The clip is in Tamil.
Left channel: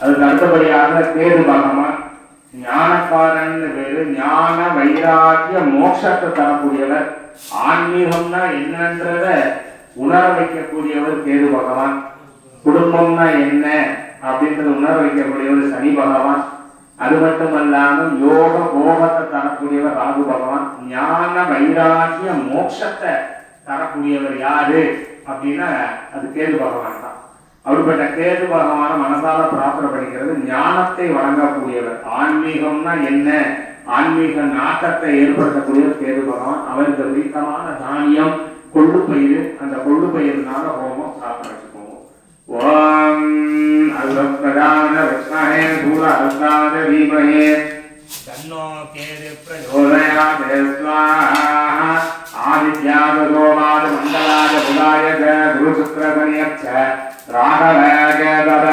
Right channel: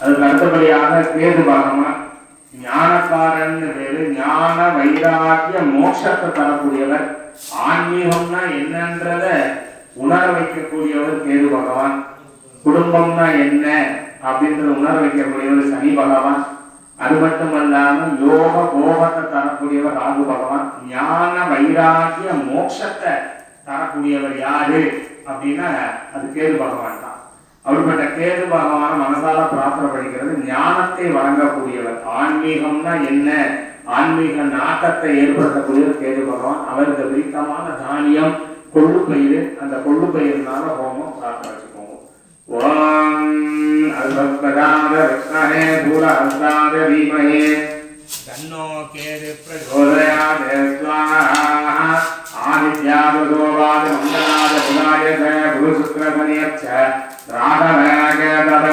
அதுக்கு அடுத்தபடியாக கேது பகவான் ஞானக்காரன் பேரு. ஞான வைராக்கிய மோட்சத்தை தரக்கூடியவர். ஆன்மீகம்னா என்னன்றத உணர வைக்கக்கூடியவர் கேது பகவான். குடும்பம்னா என்ன அப்படின்றத உணர வைக்கக்கூடியவர் சனி பகவான். அது மட்டுமல்லாமல் யோக போகத்தை தரக்கூடியவர் ராகு பகவான். ஞான வைராக்கிய மோட்சத்தை தரக்கூடியவர் யாரு அப்படின்னா அது கேது பகவான் தான். அப்படிப்பட்ட கேது பகவான மனசால பிரார்த்தனை படிக்கிறது. ஞானத்தை வழங்கக்கூடியவர். ஆன்மீகம்னா என்ன, ஆன்மீக நாட்டத்தை ஏற்படுத்தக்கூடியவர் கேது பகவான். அவருக்கு பிடித்தமான தானியம் கொள்ளு பயிர். அந்த கொள்ளு பயிர்னால ஹோமம் பிரார்த்தனை வச்சுக்கோங்க. ஓம் அல்பதாத விஷ்ணே பூல அல்சாத தீமஹே தன்னோ கேது பிரச்சோதயாத் ஸ்வாஹா. ஆதித்யாத சோமாத மங்களாத புதாய குரு சுக்ர சனியச்ச ராகவ கேதவ